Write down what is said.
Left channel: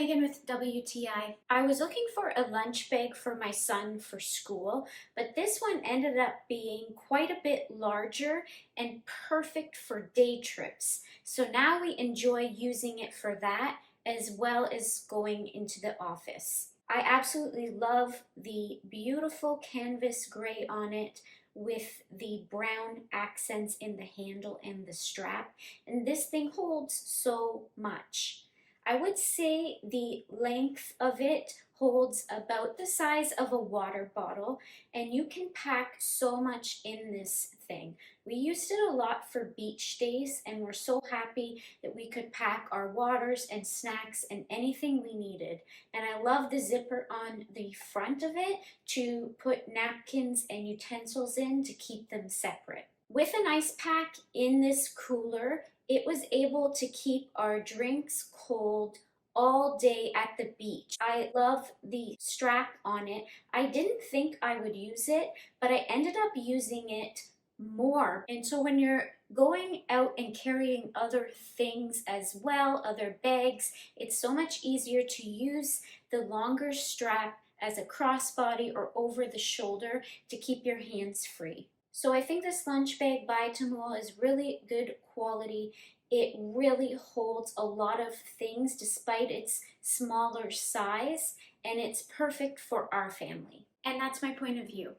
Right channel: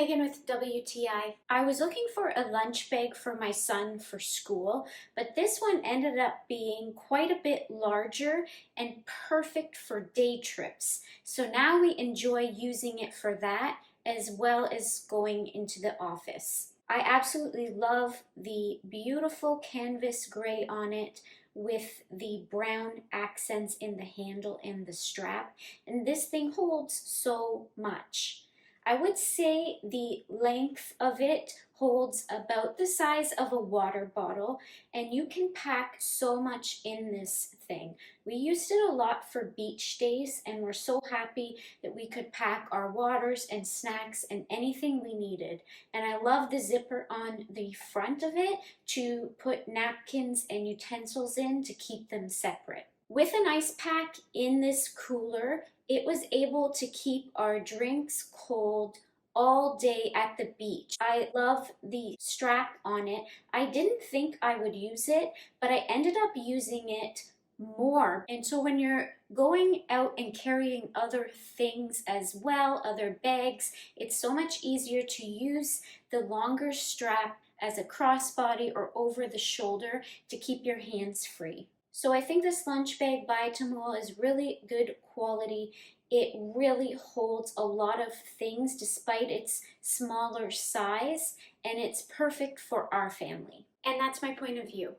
Megan with WTI. I was looking for a lunch bag for my son for school, but this one ended up being quite a bit larger and perfect for day trips. So now we enjoy using it for that as well as going into the office. I absolutely love the beautiful canvas gray on it with the brown accents in the handle and the strap, and this thing holds so much. I would say the length of it holds about the size of a water bottle, and you can pack so much in this thing. We used it a lot for beach days, and we're so happy that we could pack our waters and snacks and anything we needed. And I love the zipper on the front of it to put napkins and utensils in to keep them separate. With an ice pack in this cooler, it was able to keep our drinks cold all day at the beach. I love the strap on it. I didn't think I would use it, but I ended up using it more. And so when you're going out and carrying other things as well, other bags, it's so much easier to use the longer strap as a crossbody or over the shoulder to keep your hands free. So I think this lunch bag by TOMULE is really good quality. It really holds a lot of things despite its smaller size, and it's perfect for our family. And that's my point of view.